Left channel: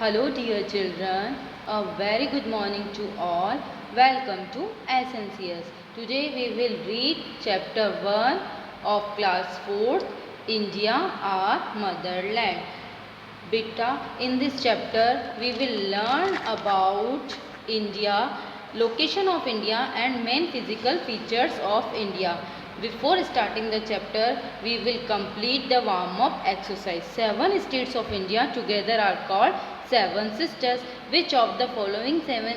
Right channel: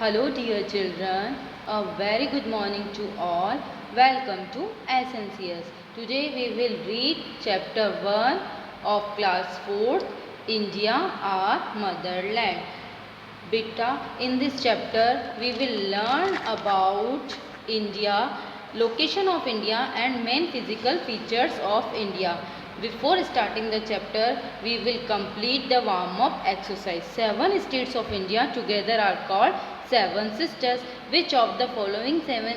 Hello dear children, a very good morning to all. Welcome to SNCS. Today we will read chapter 1 of class 4th, India our motherland. Beta, in this chapter we will learn about India, location of India and main physical features of India. Before starting the chapter, we will complete the warm-up exercise. 7 states of India together are called 7 sisters. Which of the following 7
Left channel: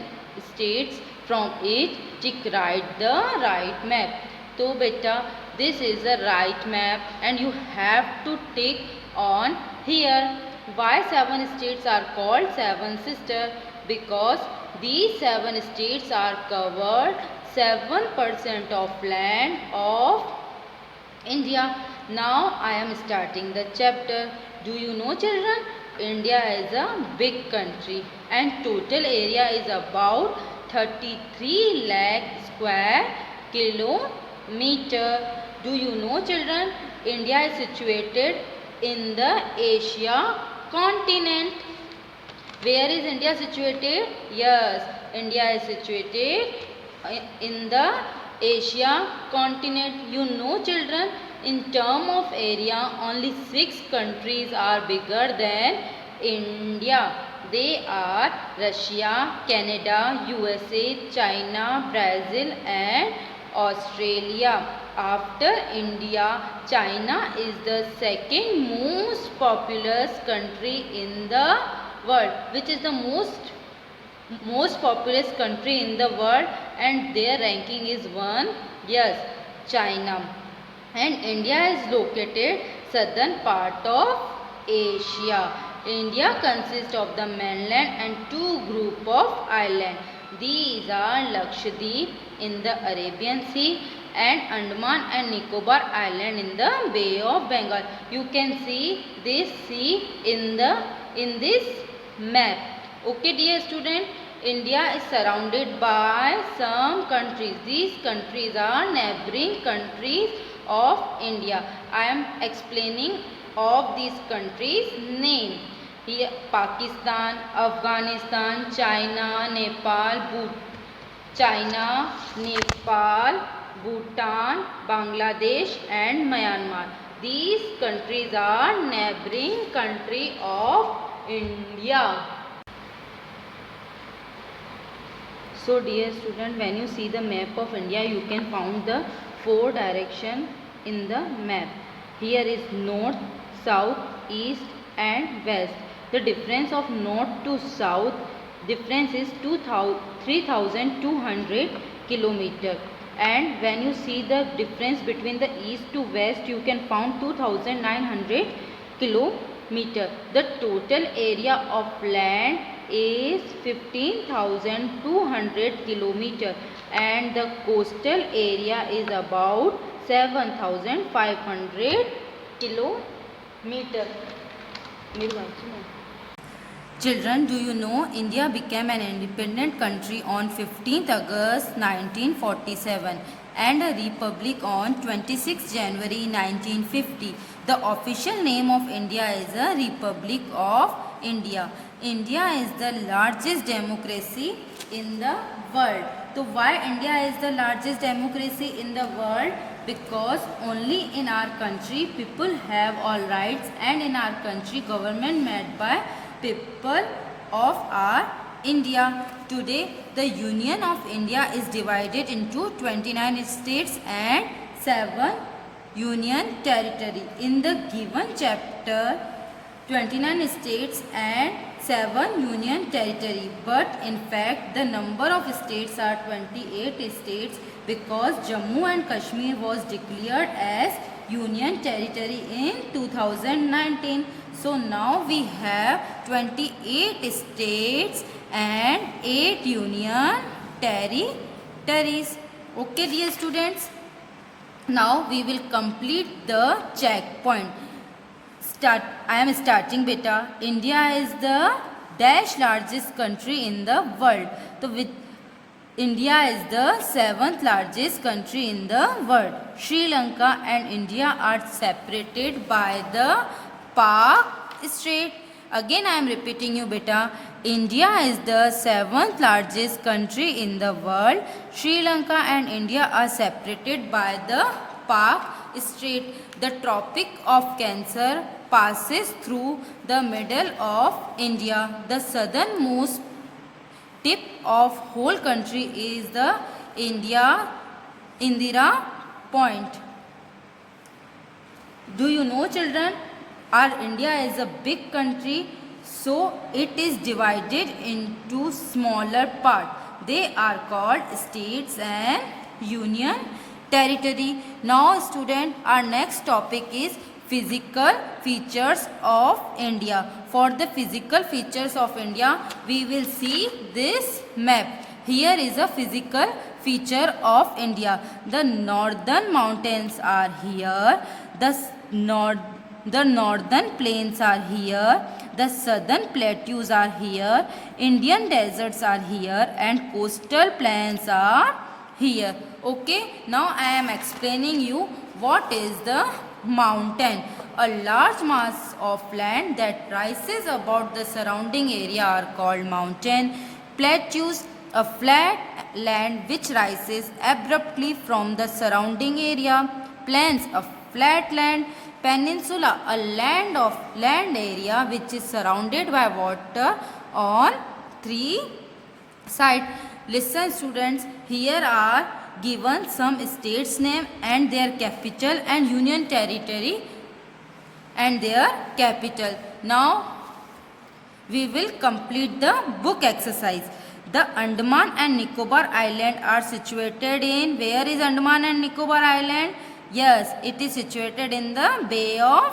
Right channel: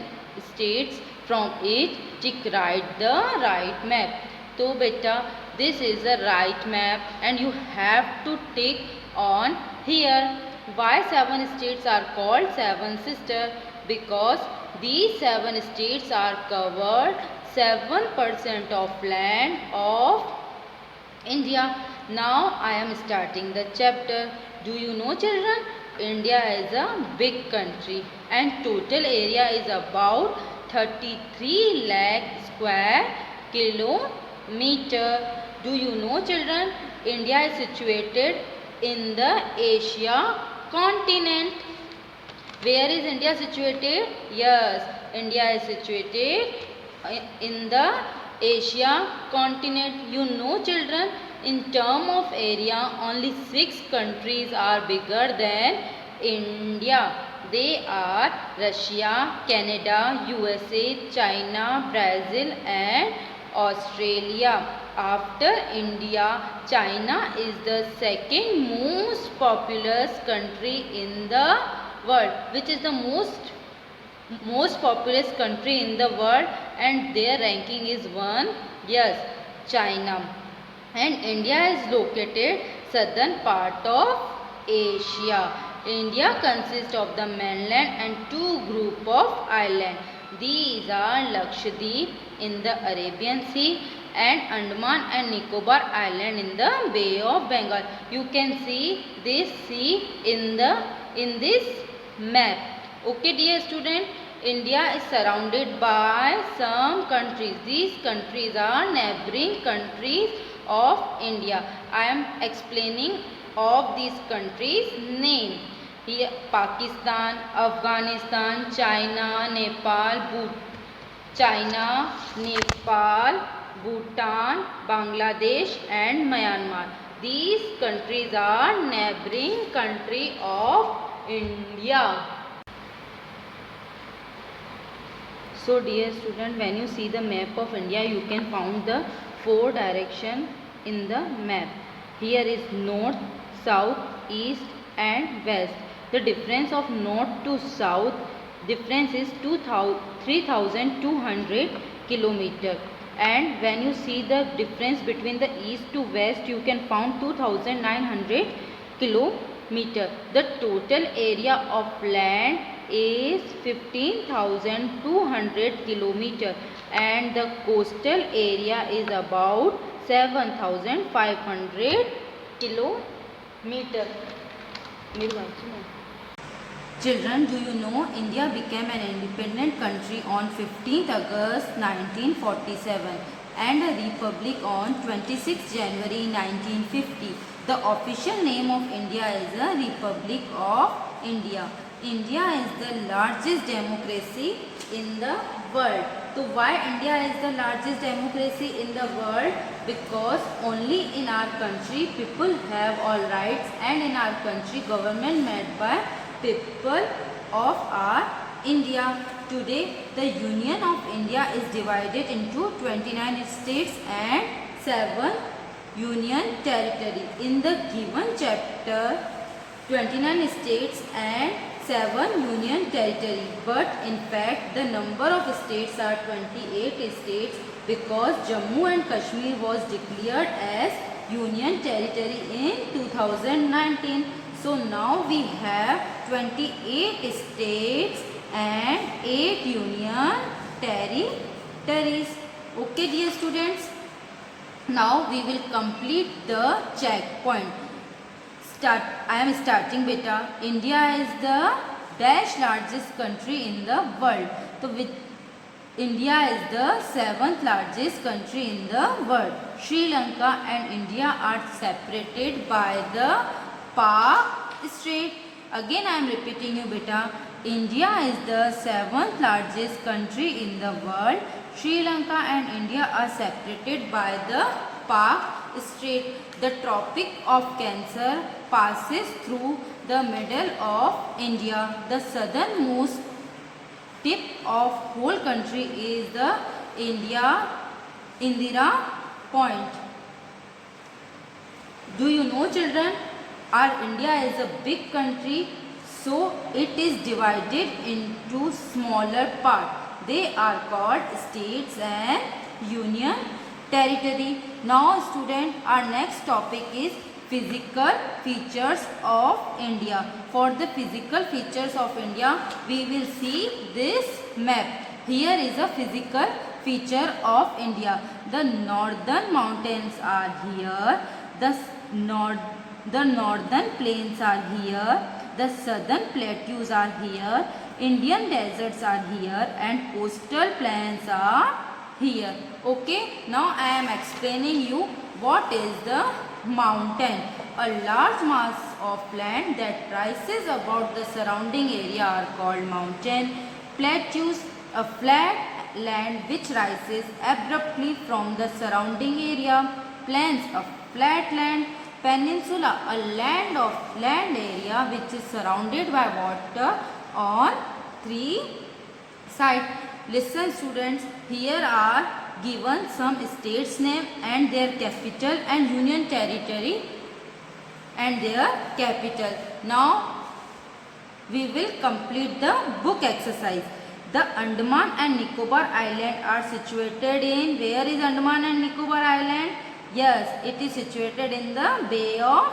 states from each tick write the right map? So beta, this is the right map and you have to tick on here. Why 7 states are called 7 sisters? Because these 7 states are covered 7% of land of India. Now I am starting the chapter. Do you know children? India is a big country and total area is about 33 lakh square kilometer. Do you know children? India is situated in the Asia continent. Where is India situated? Yes, India is situated in the Asia continent. You know children, in term of area, only 6 countries are bigger than India. They are Russia, Canada, USA, China, Brazil and Australia. After India, China is the second most populous country in the world. Which is the most populous country in the world, and their ranking is 1. Yes, China. And India is located southern part of Asia. India consists of the mainland and 2 group of islands. These are Lakshadweep in the Arabian Sea and Andaman and Nicobar Island in the Bay of Bengal. You can see this sea in this map. Okay dear student, India is surrounded by some countries. These countries are neighboring countries of India. I am explaining of these countries name. Here Pakistan, Afghanistan, China, Nepal, Bhutan, Bangladesh and Myanmar. These countries are neighboring country of India. So dear student, when you see the map of India, you can find the 4 direction in the map. Here is north, south, east and west. The difference of north to south difference is 3200 kilometer. And when you see the difference between the east to west, you can find 2900 kilometer. The total area of land is 15,200 kilometer and the coastal area is about 7,500 kilometer. Children, do you know India became an independent country on 15th August 1947 and a republic on 26th January 1950. The official name of India is a Republic of India. India is the largest democracy in the world. So why India is the largest democracy in the world? Because only in our country people have all rights, and in our country government made by people of our India. Today the Union of India is divided into 29 states and 7 union territory. In the given chapter, 29 states and 7 union territory, but in fact the number of states are 28 states because Jammu and Kashmir was declared as union territory in 2019. So now we have 28 states and 8 union territories. Okay dear students, now we will complete the checkpoint. I am starting beta. India is the dash largest country in the world. So with India is the 7th largest country in the world. Sri Lanka and India are separated by the Pak Strait. Again I am repeating you beta. India is the 7th largest country in the world. Sri Lanka and India are separated by the Pak Strait. The Tropic of Cancer passes through the middle of India. The southernmost tip of whole country is the Indira Point. Do you know, children? Our India is a big country, so it is divided into smaller parts. They are called states and union territory. Now student, our next topic is physical features of India. For the physical features of India, we will see this map. Here is a physical feature of India. The northern mountains are here. The northern plains are here. The southern plateaus are here. Indian deserts are here and coastal plains are here. Okay, now I am explaining you what is the mountain. A large mass of land that rises above the surrounding area are called mountain. Plateaus, a flat land which rises abruptly from the surrounding area. Plains, a flat land. Peninsula, a land area which is surrounded by water on three sides. Listen students, here are given some states name and their capital and union territory and their capital. Now we will complete the book exercise. The Andaman and Nicobar Island are situated in, where is Andaman and Nicobar Island? Yes, it is situated in the Bay of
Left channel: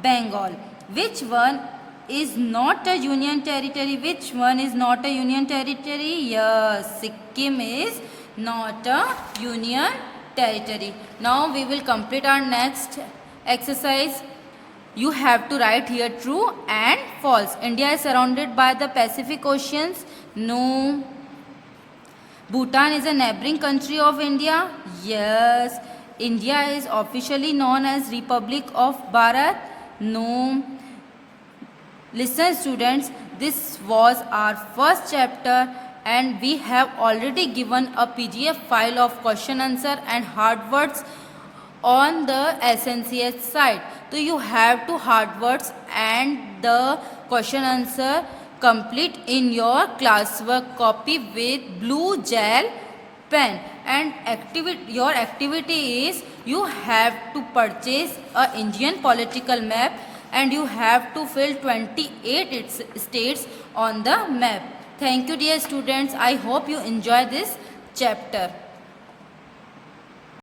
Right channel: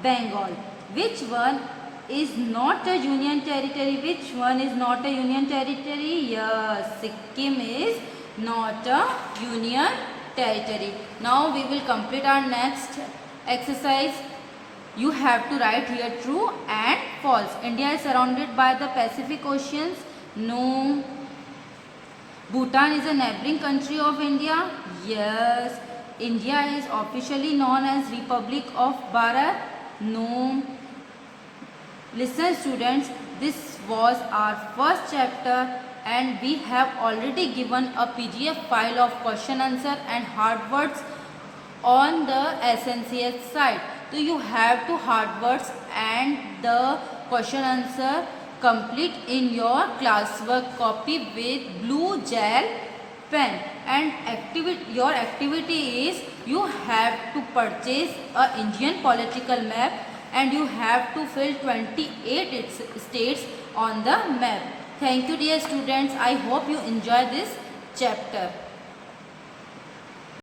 Bengal. Which one is not a union territory? Which one is not a union territory? Yes, Sikkim is not a union territory. Now we will complete our next exercise. You have to write here true and false. India is surrounded by the Pacific Oceans. No. Bhutan is a neighboring country of India. Yes. India is officially known as Republic of Bharat. No. Listen students, this was our first chapter and we have already given a PDF file of question answer and hard words on the SNCS site. So you have to hard words and the question answer complete in your classwork copy with blue gel pen, and your activity is you have to purchase a Indian political map and you have to fill 28 states on the map. Thank you dear students. I hope you enjoy this chapter.